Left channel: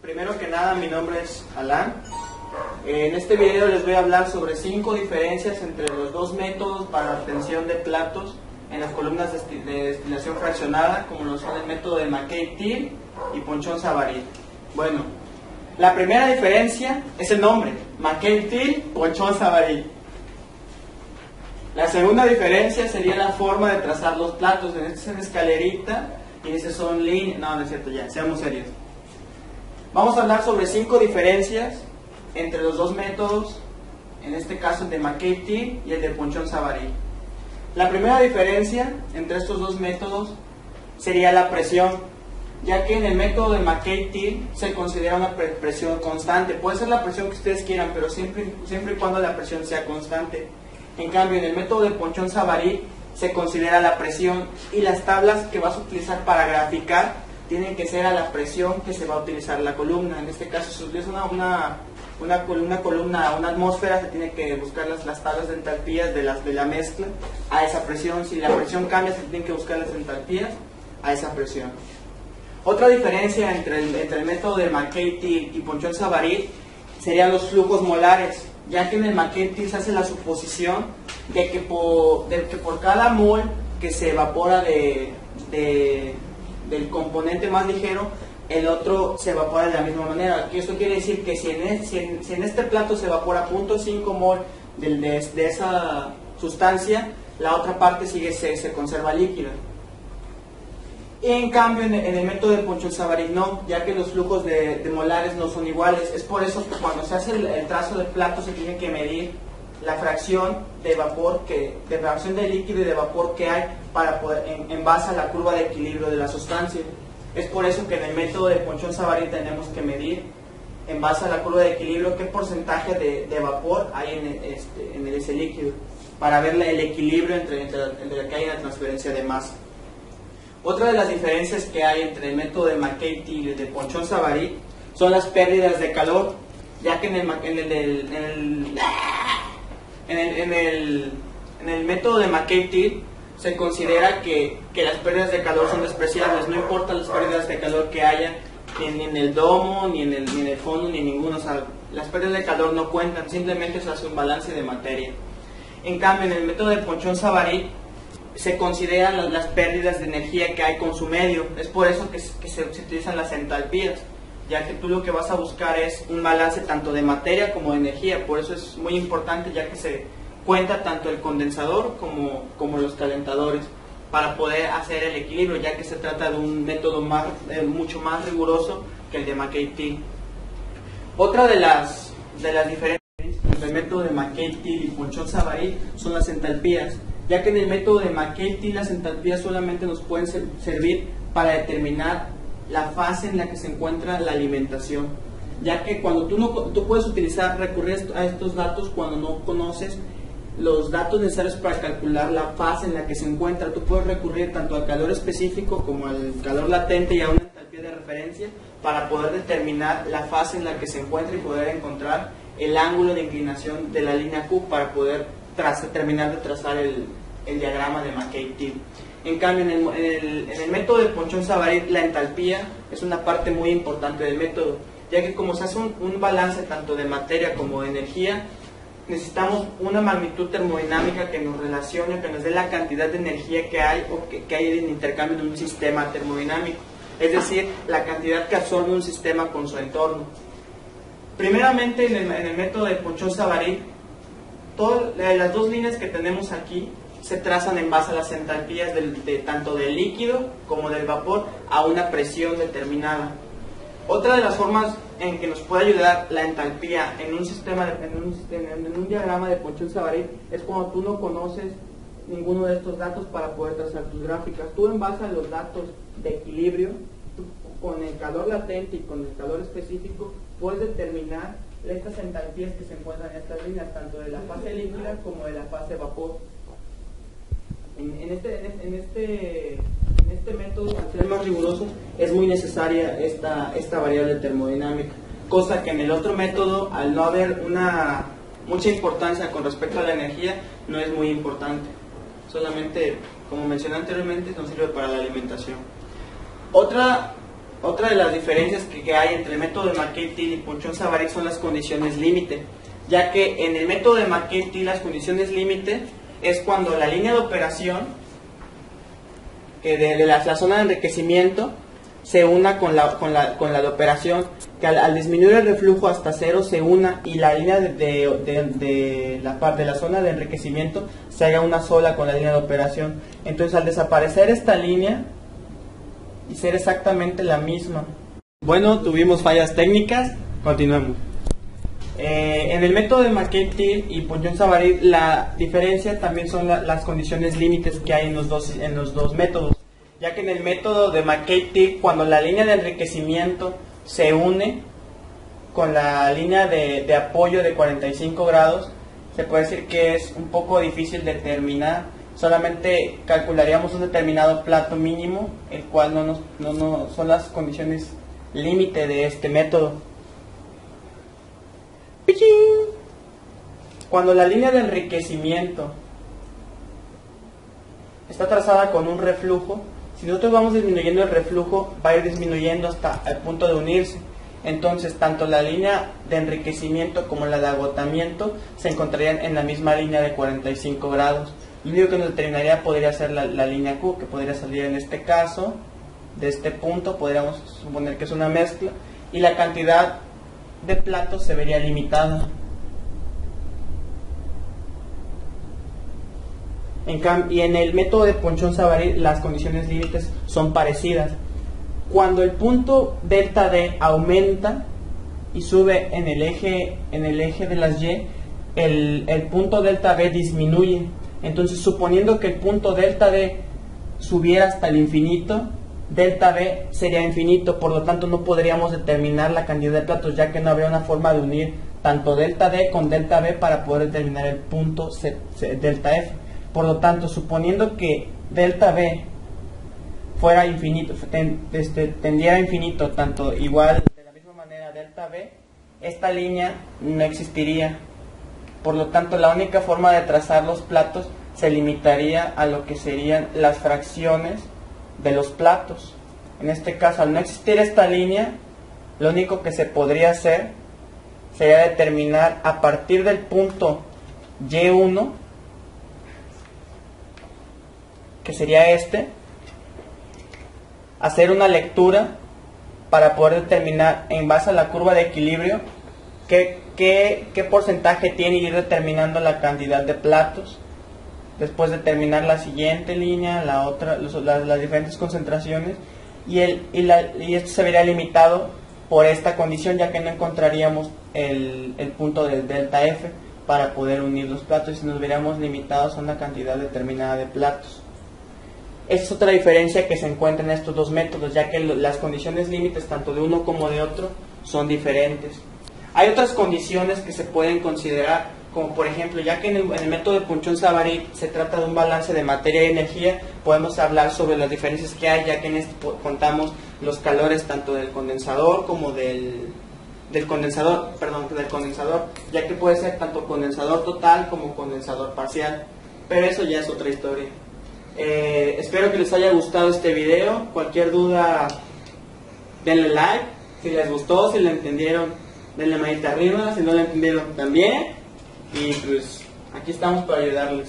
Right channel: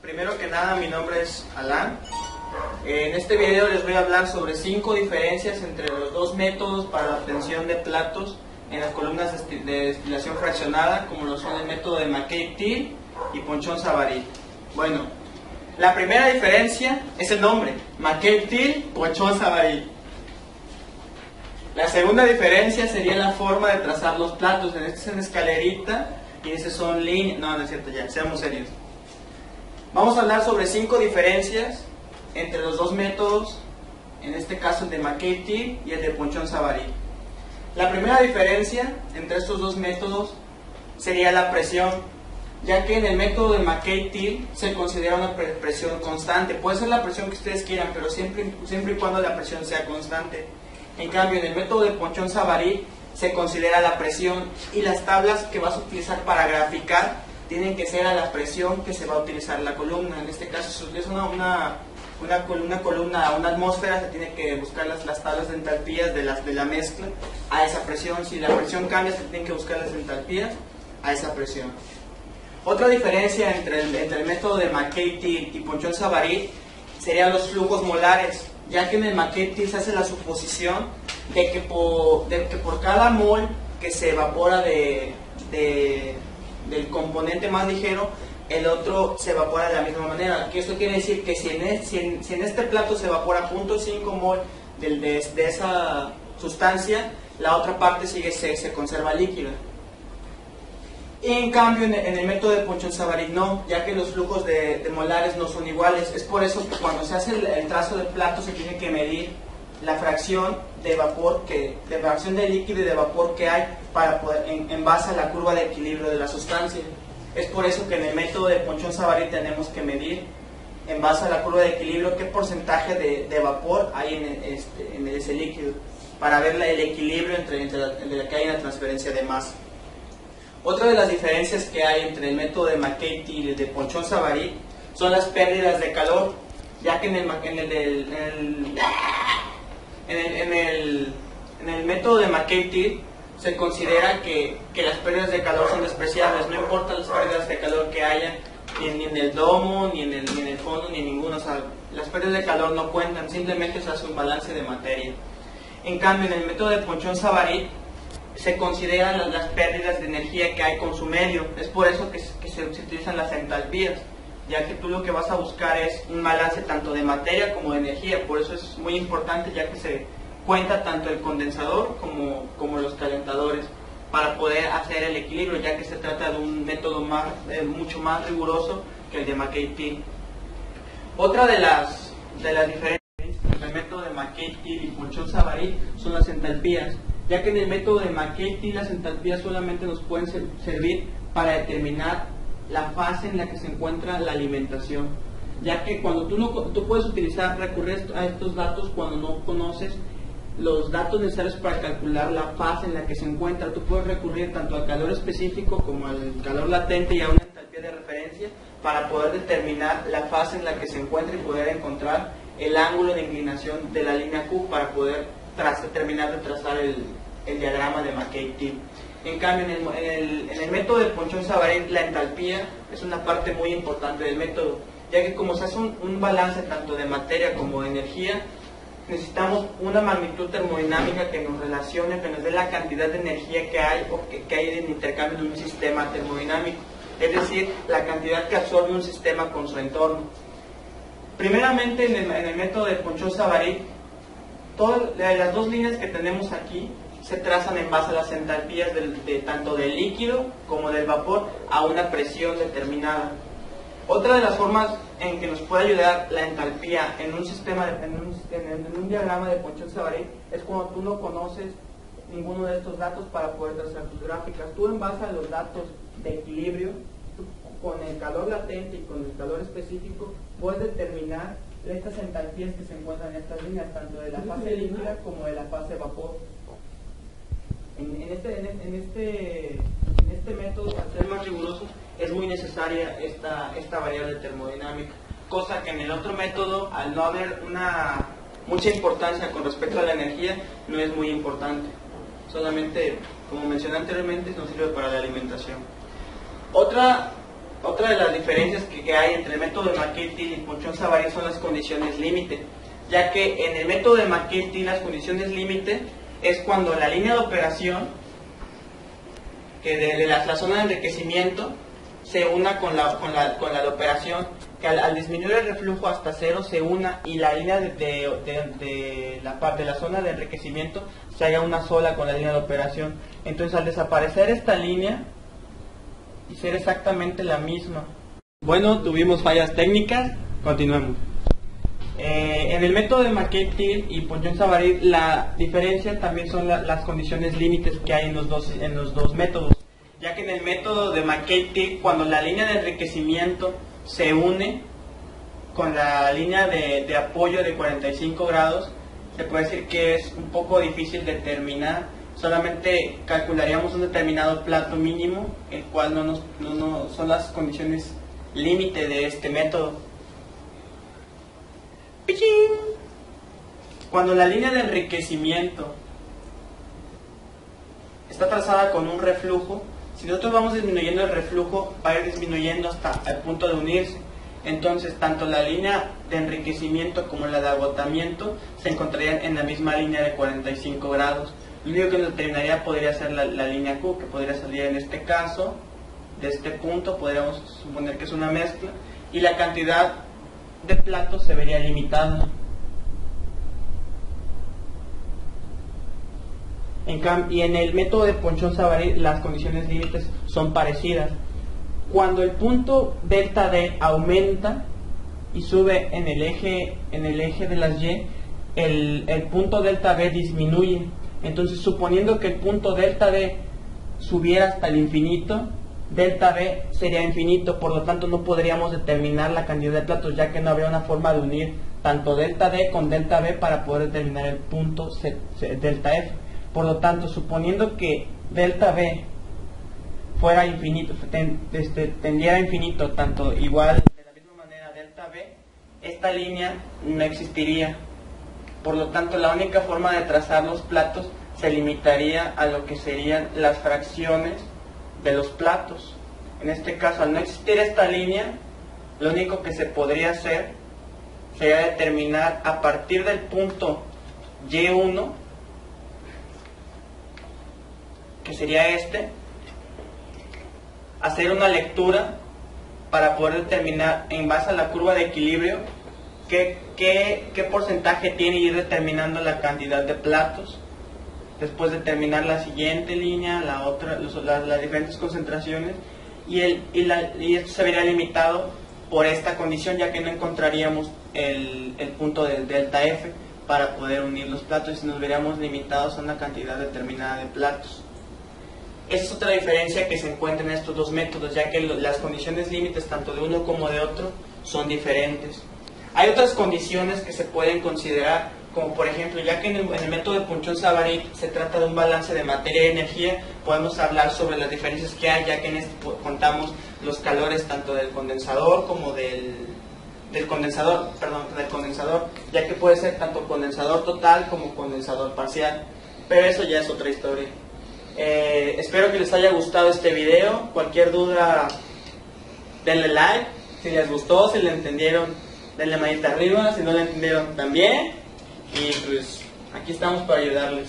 Primero que nada, mi nombre es Alan. En este video les voy a hablar sobre 5 diferencias entre los dos métodos para la obtención de platos en las columnas de destilación fraccionada, como lo son el método de McKay-Thiele y Ponchon-Savary. Bueno, la primera diferencia es el nombre, McKay-Thiele, Ponchon-Savary. La segunda diferencia sería la forma de trazar los platos. En este es en escalerita y en este son líneas. No, no es cierto, ya, seamos serios. Vamos a hablar sobre 5 diferencias entre los dos métodos, en este caso el de McKay-Thiele y el de Ponchon-Savary. La primera diferencia entre estos dos métodos sería la presión, ya que en el método de McKay-Thiele se considera una presión constante. Puede ser la presión que ustedes quieran, pero siempre y cuando la presión sea constante. En cambio, en el método de Ponchon-Savary se considera la presión, y las tablas que vas a utilizar para graficar tienen que ser a la presión que se va a utilizar la columna. En este caso, si utilizas una columna a una atmósfera, se tiene que buscar las tablas de entalpías de la mezcla a esa presión. Si la presión cambia, se tienen que buscar las entalpías a esa presión. Otra diferencia entre el método de McKay-Thiele y Ponchon-Savary serían los flujos molares, ya que en el McKay-Thiele se hace la suposición de que por cada mol que se evapora del componente más ligero, el otro se evapora de la misma manera. Que eso quiere decir que si en este plato se evapora 0.5 mol de esa sustancia, la otra parte se conserva líquida. Y en cambio en el método de Ponchon-Savary no, ya que los flujos de molares no son iguales. Es por eso que cuando se hace el trazo del plato se tiene que medir la fracción de vapor, de fracción de líquido y de vapor que hay para poder, en base a la curva de equilibrio de la sustancia. Es por eso que en el método de Ponchon-Savary tenemos que medir en base a la curva de equilibrio qué porcentaje de vapor hay en ese líquido, para ver el equilibrio entre que hay la transferencia de masa. Otra de las diferencias que hay entre el método de McKay-Thiele y el de Ponchon-Savary son las pérdidas de calor, ya que en el método de McKay-Thiele se considera que las pérdidas de calor son despreciables. No importa las pérdidas de calor que haya ni en el domo, ni en el fondo, ni en ninguno. O sea, las pérdidas de calor no cuentan, simplemente se hace un balance de materia. En cambio, en el método de Ponchon-Savary se consideran las pérdidas de energía que hay con su medio. Es por eso que se utilizan las entalpías, ya que tú lo que vas a buscar es un balance tanto de materia como de energía. Por eso es muy importante, ya que se cuenta tanto el condensador como los calentadores para poder hacer el equilibrio, ya que se trata de un método mucho más riguroso que el de McKay-Thiele. Otra de las diferencias entre el método de McKay-Thiele y Ponchon-Savary son las entalpías, ya que en el método de McKay-Thiele las entalpías solamente nos pueden servir para determinar la fase en la que se encuentra la alimentación, ya que cuando tú puedes recurrir a estos datos cuando no conoces los datos necesarios para calcular la fase en la que se encuentra. Tú puedes recurrir tanto al calor específico como al calor latente y a una entalpía de referencia para poder determinar la fase en la que se encuentra y poder encontrar el ángulo de inclinación de la línea Q para poder terminar de trazar el diagrama de McKay-Thiele. En cambio, en el método de Ponchon-Savary, la entalpía es una parte muy importante del método, ya que como se hace un balance tanto de materia como de energía, necesitamos una magnitud termodinámica que nos relacione, que nos dé la cantidad de energía que hay o que hay en intercambio de un sistema termodinámico, es decir, la cantidad que absorbe un sistema con su entorno. Primeramente, en el método de Ponchon-Savary, las dos líneas que tenemos aquí se trazan en base a las entalpías tanto del líquido como del vapor a una presión determinada. Otra de las formas en que nos puede ayudar la entalpía en un diagrama de Ponchon-Savary es cuando tú no conoces ninguno de estos datos para poder trazar tus gráficas. Tú, en base a los datos de equilibrio, con el calor latente y con el calor específico, puedes determinar estas entalpías que se encuentran en estas líneas, tanto de la fase líquida como de la fase vapor. En este método, al ser más riguroso, es muy necesaria esta variable termodinámica, cosa que en el otro método, al no haber mucha importancia con respecto a la energía, no es muy importante. Solamente, como mencioné anteriormente, nos sirve para la alimentación. Otra Otra de las diferencias que hay entre el método de McKay-Thiele y Ponchon-Savary son las condiciones límite, ya que en el método de McKay-Thiele las condiciones límite es cuando la línea de operación de la zona de enriquecimiento se una con la de operación, que al disminuir el reflujo hasta cero se una y la línea de la parte de la zona de enriquecimiento se haga una sola con la línea de operación. Entonces, al desaparecer esta línea y ser exactamente la misma. Bueno, tuvimos fallas técnicas, continuemos. En el método de McKay-Thiele y Ponchon-Savary la diferencia también son las condiciones límites que hay en los dos métodos, ya que en el método de McKay-Thiele, cuando la línea de enriquecimiento se une con la línea de apoyo de 45 grados, se puede decir que es un poco difícil determinar. Solamente calcularíamos un determinado plato mínimo, el cual no son las condiciones límite de este método. Cuando la línea de enriquecimiento está trazada con un reflujo, si nosotros vamos disminuyendo el reflujo, va a ir disminuyendo hasta el punto de unirse. Entonces, tanto la línea de enriquecimiento como la de agotamiento se encontrarían en la misma línea de 45 grados. Lo único que nos determinaría podría ser la línea Q, que podría salir en este caso, de este punto, podríamos suponer que es una mezcla, y la cantidad de platos se vería limitada. Y en el método de Ponchon-Savary las condiciones límites son parecidas. Cuando el punto delta D aumenta y sube en el eje de las Y, el punto delta D disminuye. Entonces, suponiendo que el punto delta D subiera hasta el infinito, delta D sería infinito, por lo tanto no podríamos determinar la cantidad de platos, ya que no habría una forma de unir tanto delta D con delta B para poder determinar el punto delta F. Por lo tanto, suponiendo que delta B fuera infinito, tendiera a infinito, tanto igual de la misma manera delta B, esta línea no existiría. Por lo tanto, la única forma de trazar los platos se limitaría a lo que serían las fracciones de los platos. En este caso, al no existir esta línea, lo único que se podría hacer sería determinar a partir del punto Y1, que sería este, hacer una lectura para poder determinar en base a la curva de equilibrio qué porcentaje tiene y ir determinando la cantidad de platos. Después determinar la siguiente línea, la otra, las diferentes concentraciones, y esto se vería limitado por esta condición, ya que no encontraríamos el punto del delta F para poder unir los platos y nos veríamos limitados a una cantidad determinada de platos. Esa es otra diferencia que se encuentra en estos dos métodos, ya que las condiciones límites tanto de uno como de otro son diferentes. Hay otras condiciones que se pueden considerar, como por ejemplo, ya que en el método de Ponchon-Savary se trata de un balance de materia y energía, podemos hablar sobre las diferencias que hay, ya que en este contamos los calores tanto del condensador como del condensador, ya que puede ser tanto condensador total como condensador parcial, pero eso ya es otra historia. Espero que les haya gustado este video. Cualquier duda, denle like. Si les gustó, si lo entendieron, denle manita arriba. Si no lo entendieron, también. Y pues aquí estamos para ayudarles.